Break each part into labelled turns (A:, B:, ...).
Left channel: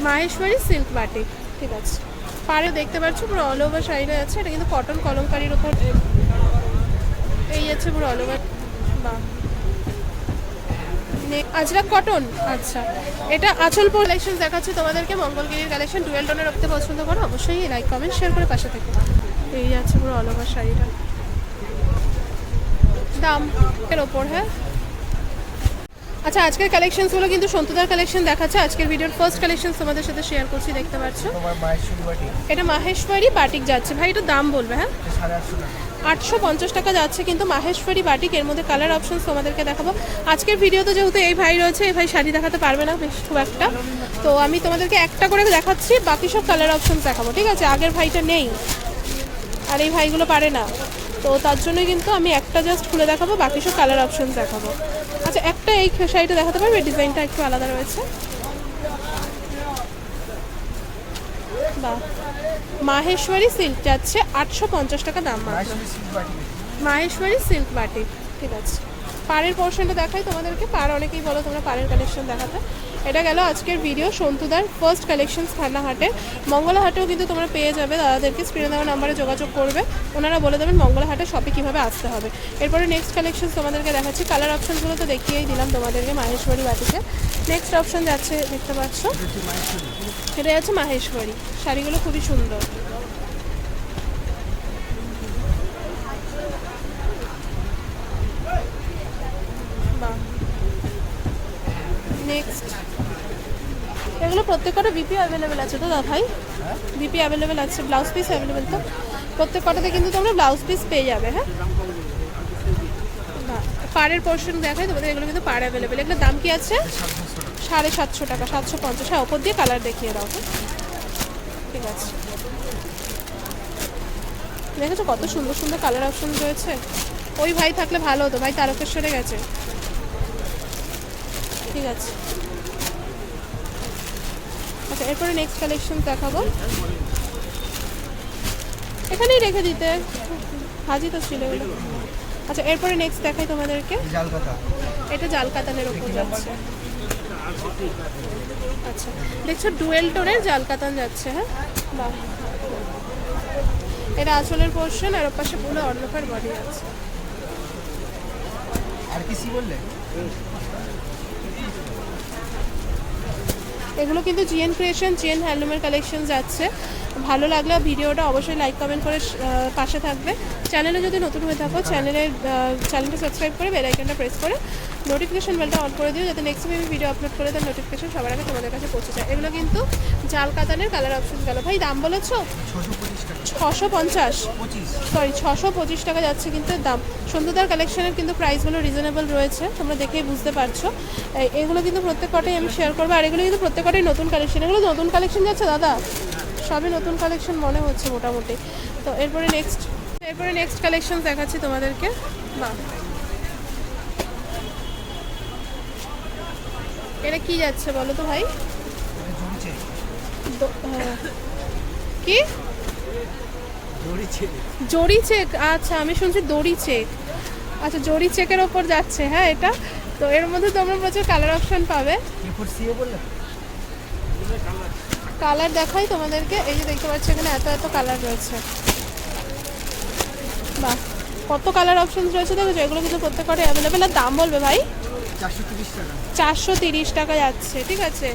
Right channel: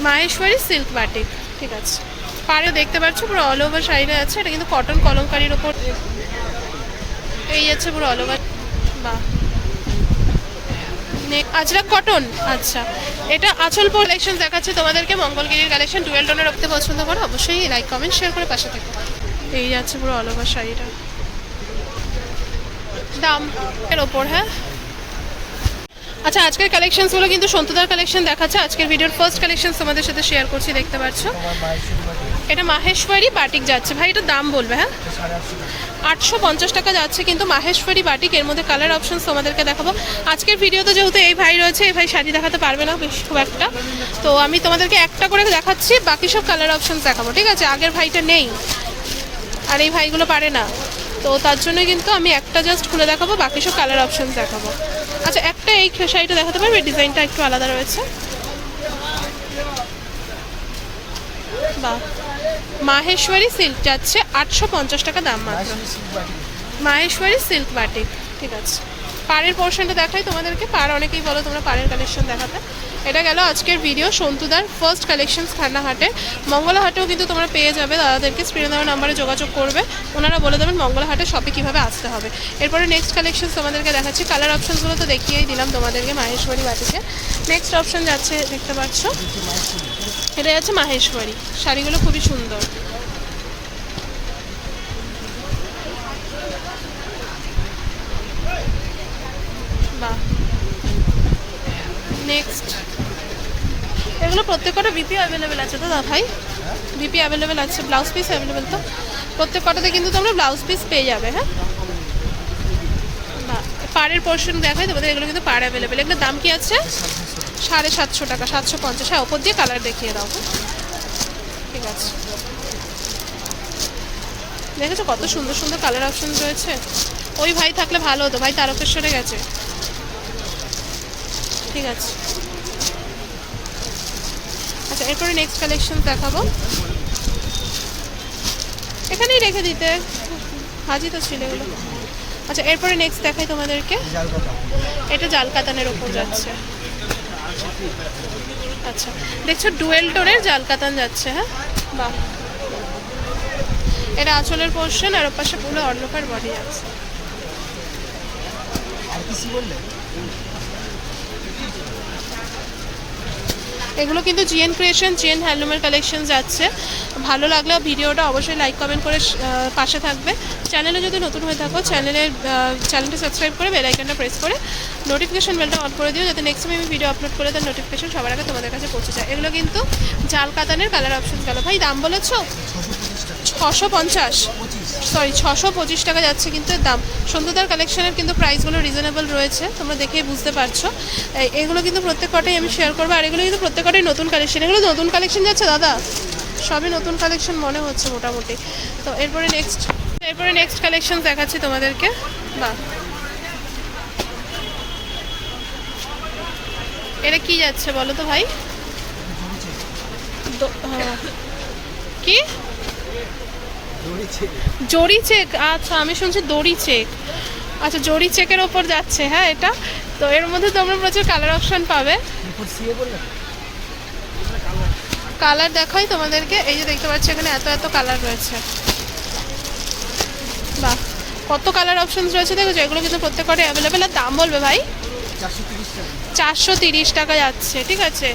A: Maheshwari silk batik ঠিক আছে। পারে দেখতে পাচ্ছ, পুরো অল ওভার শাড়িটা আছে, এটা কিন্তু কটন কলমকারির ওপর। এই যাচ্ছে পুরো অল ওভার বাহ নে- আজরাক কটন আচ্ছা। এটা আচল কালেকশন দেখাচ্ছে তোমাদেরকে, মঙ্গলগিরির কালেকশন ডুয়েল টোনে রাখতে পছন্দ করো, অবশ্যই লাইক কমেন্ট শেয়ার করে পাশে থেকে। এই যাচ্ছে পুরো অল ওভার শাড়িটা। দাম এর ওপর হ্যাঁ? আচ্ছা আজকের কালেকশনসগুলো কিন্তু সন্তুদার কালেকশন দেখাচ্ছে। আজকের ভিডিওর ফার্স্ট কালেকশন তোমাদের সাথে শেয়ার করছি দেখতে পাচ্ছ? এটা মাহেশ্বরী বাটিক যাচ্ছে। ভাই এটা দাম বলবে হ্যাঁ?
B: আটশো
A: পঞ্চাশ টাকা যাচ্ছে কিন্তু মাহেশ্বরী বাটিক। এর মধ্যে কালার অপশনস তোমাদেরকে দেখাবো। আজকের ভিডিওতে যেহেতু এই ভাই রয়েছে এই ভাই শাড়ি দেখাতে পারবে না বেশ খুব একটা। তো আমি তোমাদেরকে একটা করে দেখাচ্ছি বাকি সব কালার অপশনস দেখাবো ঠিক আছে? আগের ভাইটা নেই আর এই ভাইগুলো পারে না। তো তার জন্য কিন্তু আমি একটা জাস্ট খুলে দেখাবো বাকি সব কালার অপশনস দেখাবো। আচ্ছা একটা এই শাড়িটা দেখাতে পারবে? ডিজাইনটা একটু আলাদা রয়েছে। বাহ। মাহেশ্বরী সিল্ক যাচ্ছে আটশো পঞ্চাশ টাকা দাম মাত্র।
B: মাহেশ্বরী
A: মাহেশ্বরী সিল্ক বাটিক ঠিক আছে। পাড়ের পোর্শনটা দেখাই তোমাদেরকে। পাড় অনেকেই বলো তোমরা পাড়ের কালেকশন দেখাতে। এটা গেল আজকের ভিডিও সন্তুদার ফার্স্ট কালেকশনস খান্নাহাটে মঙ্গলাহাটেও কিন্তু তোমরা পেয়ে যাবে, দাদাদেরকে স্ক্রিনে দেওয়া নাম্বারে যোগাযোগ করবে। ওনারা বলে দেবেন মঙ্গলাহাটে শপে কীভাবে আসতে হবে। এরপরে নেক্সট কালেকশন তোমাদেরকে দেখাচ্ছি। কালার অপশনসগুলো তো দেখিয়েই দিলাম তোমাদেরকে মাহেশ্বরী বাটিকে নেক্সট অপশান যাচ্ছে, দেখতে পাচ্ছ? এটা যাচ্ছে মাহেশ্বরী। শাড়িগুলো খুবই সুন্দর। বাহ। নেক্সট এগুলো প্রত্যেকটা বিপি অ্যাভেলেবেল আছে তো দা ভাই? বিপি অ্যাভেলেবেল আছে ব্লাউজ পিস অ্যাভেলেবেল তো? প্রত্যেক কটাতে কিন্তু তোমরা ব্লাউজ পিস পেয়ে যাবে হ্যাঁ? পাড়ের পোর্শন দেখাই, তোমাদের এগুলো কিন্তু পাড় অ্যাভেলেবেল এগুলোর দাম কি আছে?
B: সাড়ে সাতশো টাকা,
A: সাতশো পঞ্চাশ। হ্যাঁ ওপর দিয়ে কালার দেখিয়ে দাও হ্যাঁ? ঠিক আছে। দেখেছ কত সুন্দর সুন্দর কালার অপশন রয়েছে? ওই ভাই থাকলে ভালো হতো, ভাই তারকেশ্বরে গেছে। ঠিক আছে। এরপরে নেক্সট কালেকশন দেখাবো। এখানেই রেখে দিতে। হাজি তো ছিল এগুলো। আচ্ছা এরপরে নেক্সট দেখাই তোমাদেরকে। এটা জাল কাতানের ওপর যাচ্ছে। আচ্ছা দেখছ ডুয়েল টোনের জাল কাতান যাচ্ছে হ্যাঁ? বাহ। এটা আঁচলের পোর্শন আর ওপাশে পুরো অন্যকার বডি আছে।
B: আর কিছু বললে?
A: এগুলো কিন্তু জিএন ক্রিয়েশন জিএন হ্যান্ডলুমের কালেকশন যাচ্ছে। ভালো লাগলে ভিডিওটা অবশ্যই লাইক কমেন্ট করে পাশে থাকবে। চ্যানেলে যদি নতুন হয়ে থাকো চ্যানেলের চ্যানেলটা সাবস্ক্রাইব করে বেল আইকনটা প্রেস করে নোটিফিকেশন বেলটা অন করে দিও, যাতে নেক্সট টাইম আমি ভিডিও আপলোড করে তার নোটিফিকেশন সবার আগে তোমাদের কাছে পৌঁছে যায়। এগুলো কিন্তু জাল কাতানের কালার অপশন গেল। ভাই, দাম বলেছ?
B: ছশো
A: পঞ্চাশ সরি ছশো পঁচিশ টাকা যাচ্ছে কিন্তু দাম। সন্ধ্যতার কালেকশনের কিন্তু প্রাইসগুলো রিজনেবল রয়েছে, তোমরা দেখেই বুঝতে পারছ। এগুলো কিন্তু প্রত্যেক কটাই আমি শেয়ার করব, আর এগুলো কিন্তু প্রত্যেক কটাই নতুন কালেকশন এগুলো নতুন কালেকশন যাচ্ছে দাদা? সবই নতুন কালেকশন মনে হচ্ছে মোটামুটি। তো এরপরে নেক্সট এরপরে নেক্সট কালেকশন দেখাচ্ছি তোমাদেরকে। বাহ। এটা কি যাচ্ছে বলো তো ভাই? আহ, কি? জরি চেক আচ্ছা আমি শুনছি দড়ি চেক আচ্ছা জরি চেকের ওপর যাচ্ছে হ্যাঁ এটা? তো এর মধ্যে তোমরা প্রচুর কালার অপশন পাবে। কালার দেখাই তোমাদেরকে। এই যে দেখতে পাচ্ছ এখানে এত এত কালার রয়েছে। বাহ, কত কালার অপশনস রয়েছে দেখেছ এগুলো কিন্তু প্রত্যেকটা অ্যাভেলেবেল আর দাম বলবে ভাই?
B: চারশো তিরিশ টাকা
A: যাচ্ছে, ঠিক আছে?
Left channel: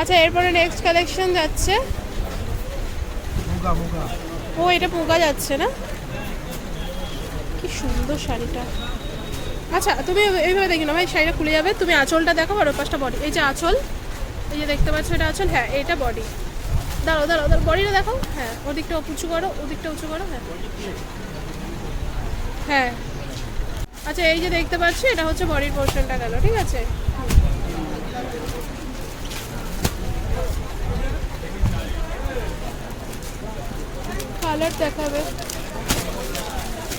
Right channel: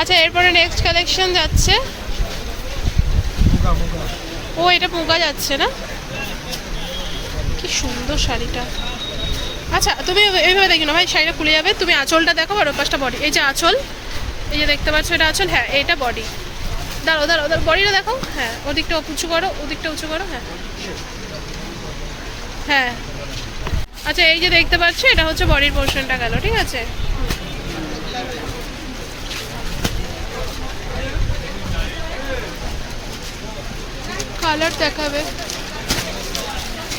A: আচ্ছা এরপরে নেক্সট কালেকশন যাচ্ছে। ও, এটা পোকা যাচ্ছে না? কি সুন্দর শাড়িটা। আচ্ছা তুমি এইভাবে দেখি না ভাই, শাড়িটা খুলে যাবে। তুমি আঁচলটা দেখো আর ওপাশটা বডি এই যে আঁচল, এই যে দেখতে পাচ্ছ এটা আঁচল হ্যাঁ এটা বডি দাঁড়ো দাঁড়ো দাঁড়ো বডিটা দেখো। হ্যাঁ ওদিকটা উঁচু করো, ওদিকটা উঁচু করো হ্যাঁ। হ্যাঁ। আচ্ছা এই যে দেখতে পাচ্ছ, এটা হচ্ছে বডির পোর্শনটা গেল, ঠিক আছে? কালার দেখাবে।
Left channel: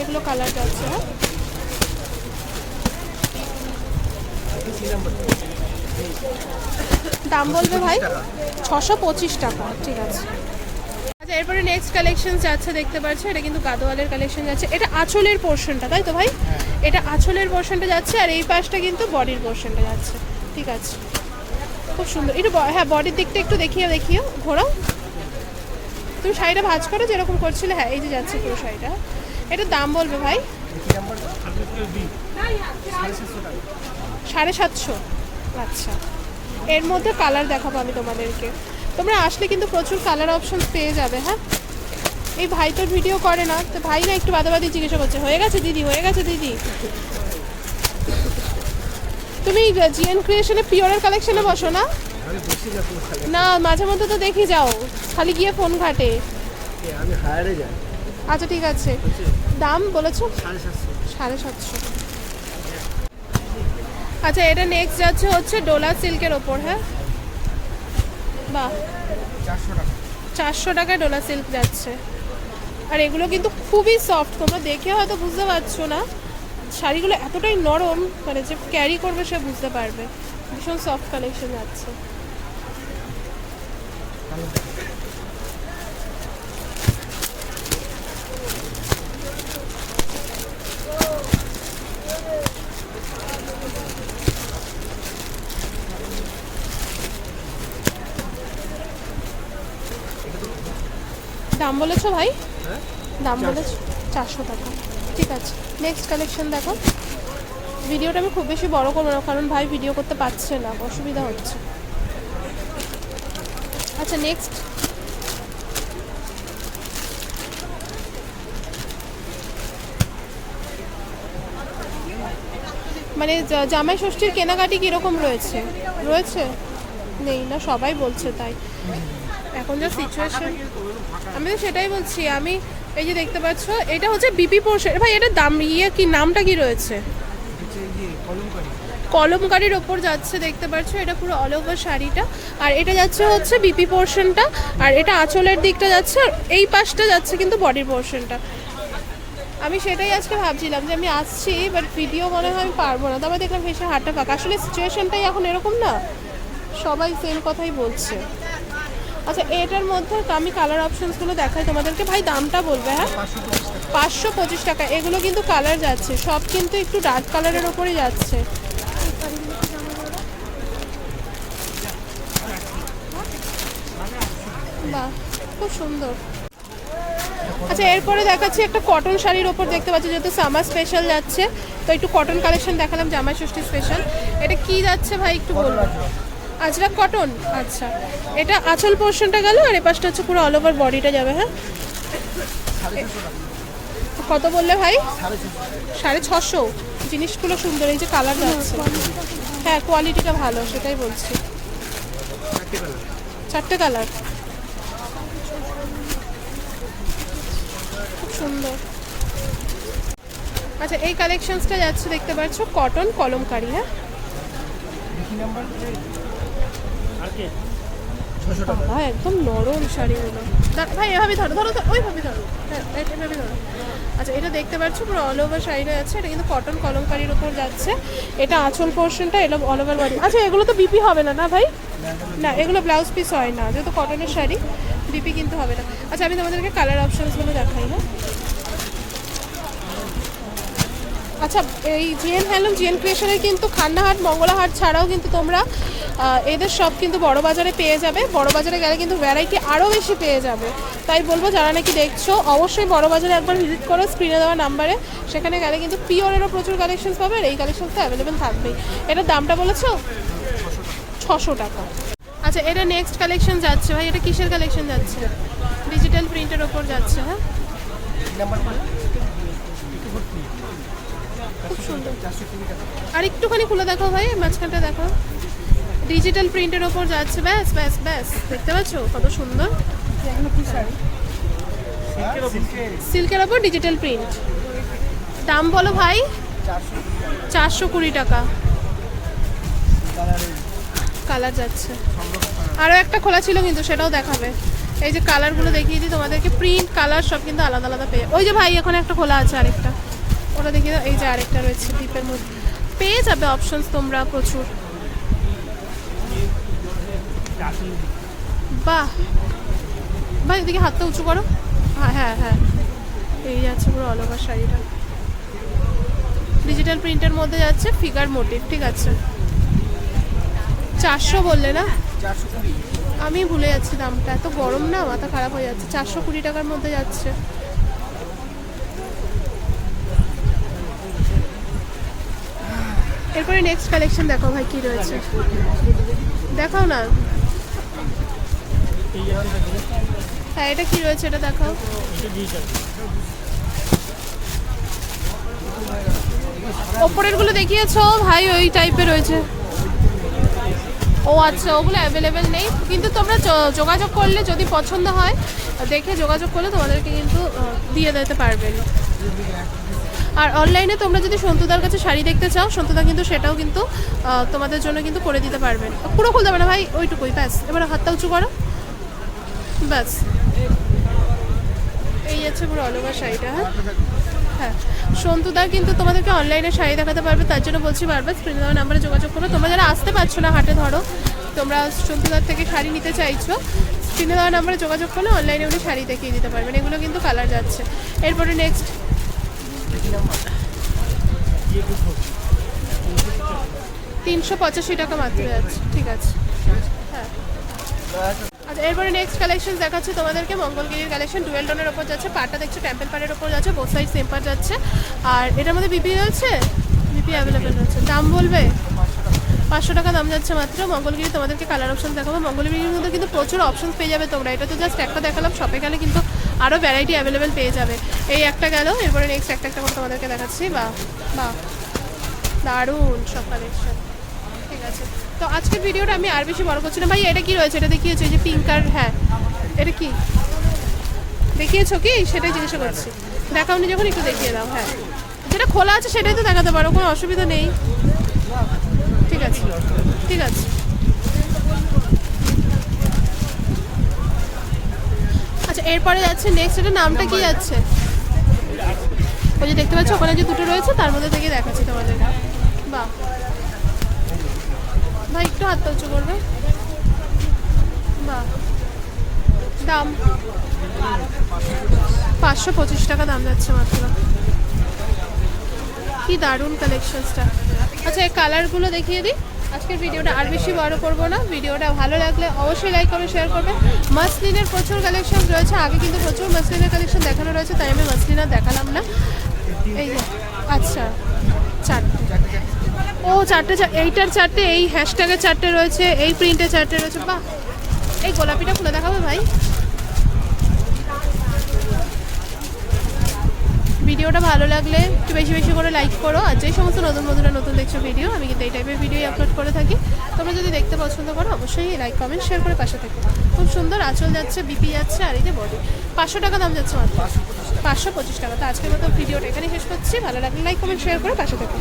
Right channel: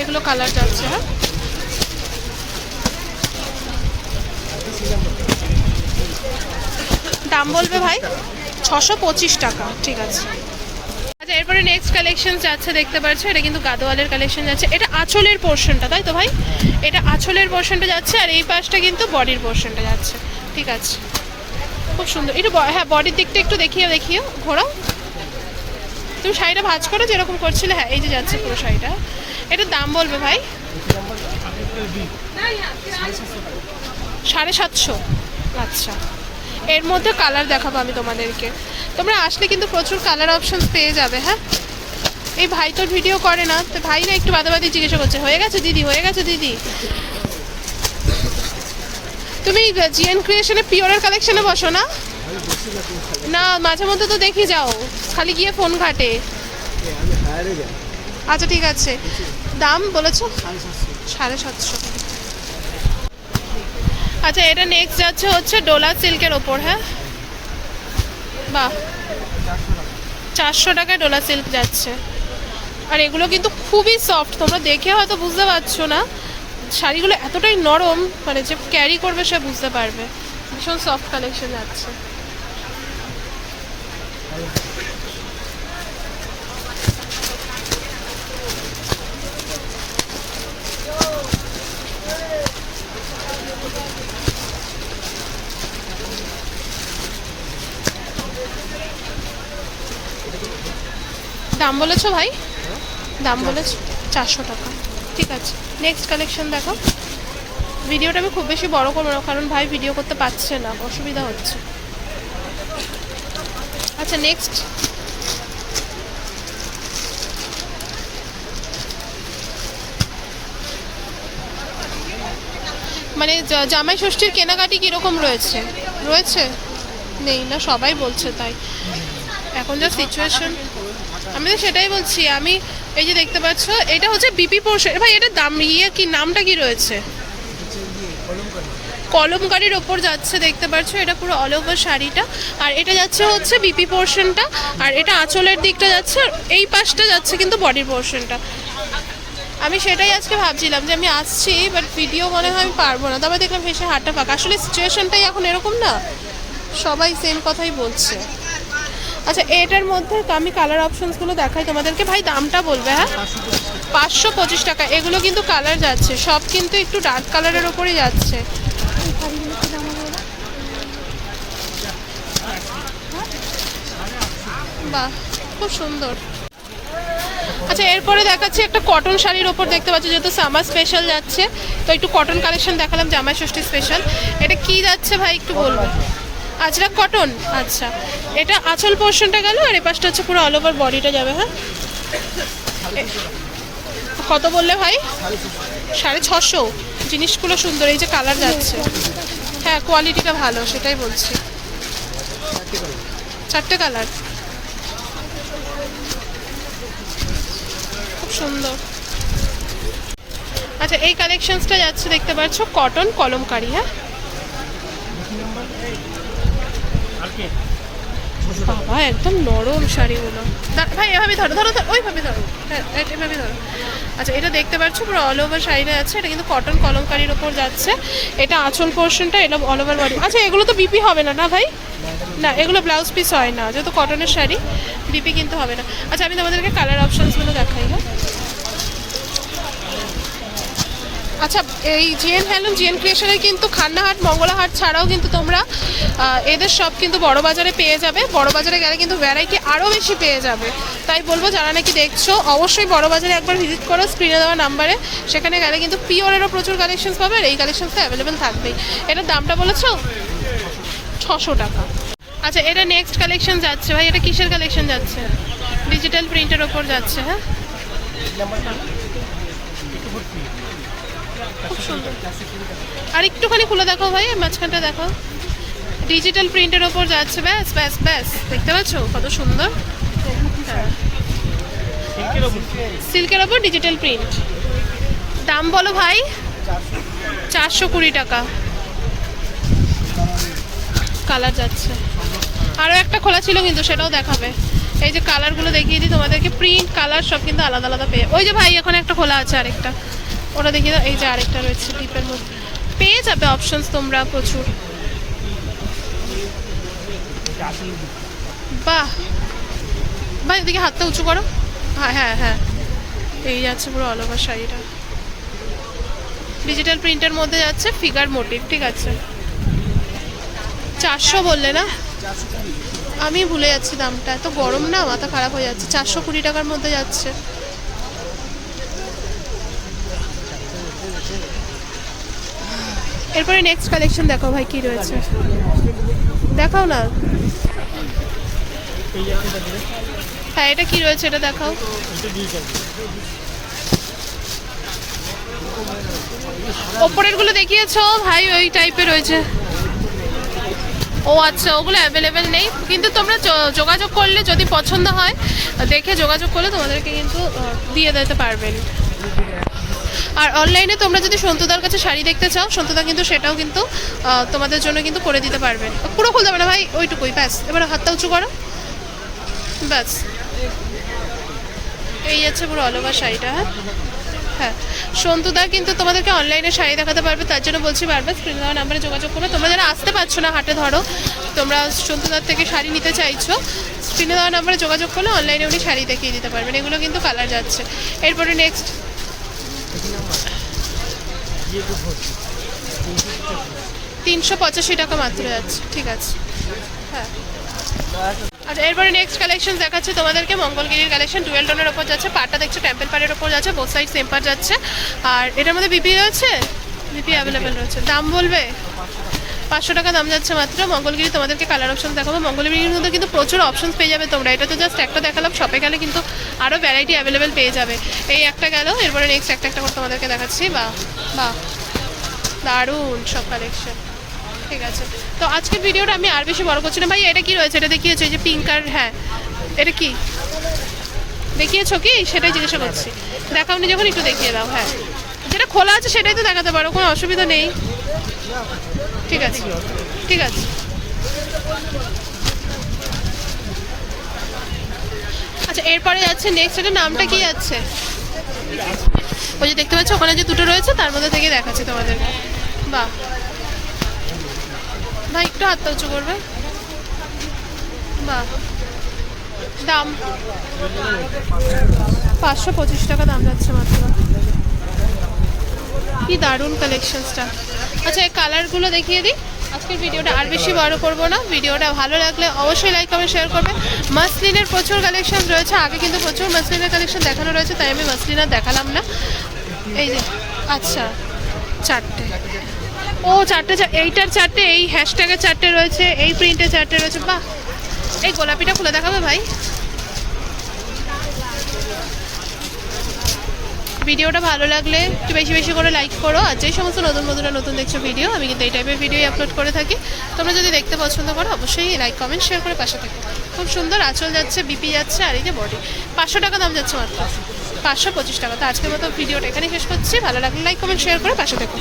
A: এগুলো কালার যাচ্ছে হ্যাঁ? দাম বলবে ভাই? ছশো পঁচিশ টাকা ঠিক আছে। আচ্ছা এরপরে নেক্সট কালেকশন যাচ্ছে দেখতে পাচ্ছ এটা কিন্তু গাদোয়ালের কালেকশন যাচ্ছে। এটা আঁচলের পোর্শনটা তাই তো ভাই? এটা আঁচলের পোর্শনটা যাচ্ছে আর এই পাশটা কিন্তু বডির পোর্শনটা যাচ্ছে ঠিক আছে। খুব সুন্দর। একটু হ্যাঁ বডির দিকটা একটু দেখিয়ে দেখিও ঘোরাও। তুমি শাড়িটা ভাঁজ করো যেরকম করছিলে হ্যাঁ এই যে যাচ্ছে পুরো শাড়িটা। এটার দাম বলবে ভাই?
B: সাড়ে সাতশো।
A: আচ্ছা। এর মধ্যে কালার দেখাবো আমি তোমাদেরকে। তোমরা আসলে কিন্তু প্রচুর কালার অপশনস পেয়ে যাবে হ্যাঁ? এই ভাই তোর ভিডিও করে না তো ভাই না একটু বাদাবাদি জিজ্ঞাসা করছে হয়ে গেছে দিদি হয়ে গেছে দিদি? তুমি জিএন ক্রিয়েশনে পিওরের কালেকশনে বসো না?
B: না
A: মাঝে মধ্যে তো দেখি যাও খালি গিয়ে ফোন ঘাটে। আচ্ছা ঠিক আছে। দাম বলেছ?
B: সাড়ে সাতশো।
A: সাড়ে সাতশো। আচ্ছা এটা নেক্সট যাচ্ছে হচ্ছে ডোলা সিল্কের ওপর হ্যাঁ? বাহ।
B: চারশো
A: টাকায় ডোলা সিল্ক যাচ্ছে। আর এগুলো কিন্তু খুবই সফট তোমরা দেখে হয়তো বুঝতে পারছ না। শাড়িগুলো এতটাই নরম মানে যে ক্যারি করবে সে বুঝতে পারবে। ভীষণ সফট কালেকশন যাচ্ছে। দাম বলেছ ভাই? দাম বলেছ চারশো টাকা। ঠিক আছে। নেক্সট কালেকশন দেখো। ভিডিওটা আমি খুব বেশি বড় করব না কারণ ভাই ভিডিও করতে পারছে না অসুবিধা হচ্ছে। আচ্ছা নেক্সট মানে জামাই ষষ্ঠীর কেনাকাটি কীরকম রয়েছে? রয়েছে? নেই না সবাই বলছে তাই। এখন যা সিচুয়েশন আমি তো সেটাই বলছি, আমি এই যে দেখতে পাচ্ছ, এটা হচ্ছে বিপি পোর্শন ভাই, এটা দাম ইয়ে কি, নামটা কি রয়েছে? কলমকারির ওপর যাচ্ছে, দেখতে পাচ্ছ, এটা পুরো অল ওভার শাড়িটা। আর এটা যাচ্ছে হচ্ছে বিপি পোর্শনটা আর এটা আঁচলের দিকটা যাচ্ছে এই পাশটা যাচ্ছে কিন্তু বডির পোর্শনটা আমি সেটাই আজকে ভাবছিলাম যে আমি আসছি বাট ভিডিও মনে হয় আমি পারব না। তারপর দেখলাম ভেসে হাটটা ফাঁকা। আসলে সিচুয়েশনটাই এখন এরকম না? সবাই সেম কথাই বলছে। আচ্ছা এটার মধ্যে আমি কালার অপশনসগুলো দেখাই তোমাদেরকে। ভাই, দামটা বলবে হ্যাঁ?
B: পাঁচশো পঁচিশ টাকা।
A: এগুলো কিন্তু কালার যাচ্ছে। সব কিন্তু একটু ডার্ক কালারের ওপরই যাচ্ছে। বাহ, খুব সুন্দর। আচ্ছা এরপরে দেখাচ্ছি একটা কটন শাড়ির ওপর দেখতে পাচ্ছি, যেহেতু সামার স্পেশাল যাচ্ছে। তো একটু কটন কালেকশন দেখালাম, জামাই ষষ্ঠী স্পেশাল এটা কি যাচ্ছে ভাই, একটু বলব? আজরাক কটন আচ্ছা। এটা আঁচল পোর্শনটা গেল আর এ পাশটা হচ্ছে পুরো অল ওভার বডিটা যাবে হ্যাঁ? কত বললে ভাই?
B: সাড়ে ছশো।
A: জিনিসগুলো সুন্দর, এই যে কালার যাচ্ছে। হ্যাঁ কোয়ালিটিটা ভালো, সেটাই বলছি।
B: চারটে কালার
A: খুব সুন্দর। আচ্ছা এই কালেকশনসটা যাচ্ছে, দেখতে পাচ্ছ কটন কলমকারি হ্যাঁ
B: দেখি নাম্বার ছশো টাকা
A: বাবা, একদম নরম শাড়িগুলো। ভাই, এভাবে ধরো ধরো ওইভাবে ধরো। হ্যাঁ এভাবে ধরো। আচ্ছা এটা দেখতে পাচ্ছ, পুরো অল ওভার শাড়িটা যাচ্ছে এটা কিন্তু কটন কলমকারির ওপর যাচ্ছে। এটা আঁচল পোর্শনটা এটা অল ওভার বডি আচ্ছা এগুলো তো বিপি হবে না না, ভাই? না, এগুলো ব্লাউজ পিস হয় না, যেহেতু কটনের শাড়ি বিপি কিন্তু হবে না। আচ্ছা আমি তোমাদেরকে কালার অপশানসগুলো দেখাই হ্যাঁ? আচ্ছা এই জিএন হ্যান্ডলুম জিএন ক্রিয়েশনের কিন্তু খান্নাহাট, মঙ্গলাহাট ছাড়াও কিন্তু তোমরা এদের সব কিন্তু বড় বাজারে পেয়ে যাবে। বড় বাজারে গেলে কিন্তু ভ্যারাইটি আরও বেশি পেয়ে যাবে। তাই বলব, যারা নাকি দেখছ, অবশ্যই বড় বাজারে একবার ভিজিট করো স্ক্রিনে দেওয়া নাম্বারে সেখানে গেলে কিন্তু পিওরেরও প্রচুর কালেকশনস পাবে আর এই কালেকশনস তো অ্যাভেলেবেল থাকবেই। এটার দামটা বলেছ? ছশো টাকা। আচ্ছা এটা নেক্সট কালেকশন যাচ্ছে ভাই, এটা কিসের কালেকশন যাচ্ছে? ডিজিটাল প্রিন্টের ওপর যাচ্ছে হ্যাঁ? খুব সুন্দর। আর একটুখানি খুলে দেখো ভাই মাঝখানটা দেখো ডিজিটাল প্রিন্টের ওপর যাচ্ছে, ব্যাস ব্যাস ব্যাস। দেখতে পাচ্ছো? কত সুন্দর। সিল্কের ওপর ডিজিটাল প্রিন্ট দাম বলো ভাই?
B: চারশো
A: কুড়ি টাকা।
B: কালার
A: যাচ্ছে। আরও একটা খোলা ছিল কিন্তু সেটাও দেখাবে। এই যে কালারগুলো দেখিয়ে দিই তোমাদেরকে। প্রিন্ট কালার সব কিন্তু আলাদা আলাদা পেয়ে ওই যে ভাই, এখন একটা খোলা আছে আরেকটা। ওটা দেখিয়ে দাও এই যে আরেকটা রয়েছে ডিপের মধ্যে। পেয়ে যাবে অপশনস তোমরা প্রচুর। বাহ। ভাই, এদিকে হাতটা উঁচু করো। হ্যাঁ হ্যাঁ হ্যাঁ। এই যাচ্ছে পুরো অল ওভার শাড়িটা। ডিজিটাল প্রিন্টের মধ্যে যাচ্ছে ফিগার মোটিভ ঠিক আছে। চারশো বললে না? আমি ভুলে যাচ্ছি দামটা। এত গরম না, মাথা খারাপ হয়ে যাচ্ছে। চারশো কুড়ি টাকার মধ্যে যাচ্ছে। এরপরে নেক্সট কালেকশন দেখো ভাই কি রয়েছে। দেখাও না? হ্যাঁ এটা কি রয়েছে এটা দেখাও। ওপরেরগুলো দেখিয়েছো? ভাই, ওই টাইপের রয়েছে। ও আচ্ছা ওগুলো অ্যাভেলেবেল নেই। কিন্তু তোমরা যোগাযোগ করলে যদি পছন্দ হয়, দেখে যোগাযোগ করলে তোমাদেরকে কিন্তু দিয়ে দিতে পারবেন। আর অনলাইনে তোমরা যদি সন্তুদার কাছে শাড়ি দেখতে চাও, সন্তুদা কিন্তু সেটাও কিন্তু তোমাদের জন্য কিন্তু করে দিতে পারবেন পুরো খুলতে পারে ভাই, ওইটুকুই, ব্যাস। এবার হাতটা উঁচু করো। ব্যাস। এই আছে পুরো অল ওভার শাড়িটা হ্যাঁ? হ্যাঁ। সন্তুদা কিন্তু তোমাদেরকে অনলাইনে শাড়ি দেখাতে পারবে, তার জন্য বলছি বারবার স্ক্রিনে দেওয়া নাম্বারে যোগাযোগ করো। তোমরা যারা আসতে পারছ না হাটে, ধরো, তোমরা সন্তুদার থেকে শাড়ি নিতে চাইছো স্ক্রিনে দেওয়া নাম্বারে যোগাযোগ করলে অনলাইনে উনি শাড়ি দেখিয়ে দিতে পারবেন। এগুলো কিন্তু কালার যাচ্ছে। এরপরে নেক্সট তিনশো পঁচাশি টাকা মাত্র যাচ্ছে ঠিক আছে। হ্যাঁ। আর এরপরে নেক্সট কালেকশন দেখাচ্ছে তোমাদেরকে, মঙ্গলগিরির কালেকশন ডুয়েল টোনের ওপর যাচ্ছে পাটটা দেখছ টেম্পল পাড়ের ওপর যাচ্ছে বোথ সাইড সেম পার যাচ্ছে। আর এটার মধ্যে বিপি রয়েছে? বিপি অ্যাভেলেবেল রয়েছে। দাম বলবে? পাঁচশো টাকা দাম যাচ্ছে মাত্র। মঙ্গলগিরি, তোমাদেরকে কালার অপশন দেখাবো। মঙ্গলগিরির মধ্যে কিন্তু প্রচুর অপশন পেয়ে যাবে তোমরা। এটা তো জাস্ট একটা দেখালাম শপে গেলে কিন্তু আরও ভ্যারাইটি অ্যাভেলেবেল পেয়ে যাবে। এই একটা গেল, এরপরে নেক্সট একটা একটা করে তোমাদেরকে দেখাচ্ছি। বা বা দারুণ সব কালেকশন ঠিক আছে। তো আজকের ভিডিওটা আমি আর বেশি বড় করছি না। ভাই, এটা কি রয়েছে? এটা দেখিয়েছো? এই যে পিঙ্ক আর হ্যাঁ। এটা কি? দেখিয়েছো কি? সেটাই জিজ্ঞাসা করছি। দেখাওনি যখন, একটু দেখিয়ে দাও হ্যাঁ। যেটা খোলা আছে, সেটাই তো দেখাতে পারো, কোনো অসুবিধা নেই। ঠিক আছে। ঠিক আছে। আচ্ছা এরপরে যাচ্ছে নেক্সট এটা নামটা কি যাচ্ছে? ওই যে দেখতে পাচ্ছ, ওখানে যে দুটো রয়েছে, তার মধ্যে থেকে দেখাচ্ছি তোমাদের। বাহ। ভাই, একটু হাতটা উঁচু করবে। বাহ। দাম? পাঁচশো পঁচিশ টাকা দাম যাচ্ছে মাত্র। কি দারুণ কালেকশনসটা আচ্ছা এই কালারগুলো দেখিয়ে দিই। আজকের ভিডিওটা আর বেশি বড় করব না। ভিডিওটা ভালো লাগলে অবশ্যই লাইক কমেন্ট শেয়ার করবে মাসলিনের প্রচুর কালেকশন রয়েছে। আগে কিন্তু প্রচুর মাসলিনের কালেকশন দেখানো রয়েছে, তাই আমি মাসলিন দেখালাম না। এই যে আচ্ছা চারটে। ও, চারটে এইটার চারটে, এই হ্যাশট্যাগের চারটে রয়েছে, এই প্রিন্টের চারটে রয়েছে। বাহ! এই গোলাপিটা খুলে দেখাবে ভাই? ভিডিওটা ভালো লাগলে একটু বেশি বেশি করে লাইক করো। আর যে সমস্ত নতুন নতুন নতুন দেখছ ভিডিও আমি কিন্তু এই টাইপের ভিডিওই আপলোড করে থাকি। তোমরা যদি দেখতে পছন্দ করো, অবশ্যই লাইক কমেন্ট শেয়ার করে পাশে থাকো। খুব সুন্দর আঁচল যাচ্ছে বিপি যাচ্ছে, আর এই যে বডি পাঁচশো টাকা দাম যাচ্ছে মাত্র। পাঁচশো পঁচিশ টাকা। তো আজকের মতো ভিডিওটা এখানে শেষ করছি। ভালো লাগলে লাইক কমেন্ট শেয়ার করে পাশে থাকো।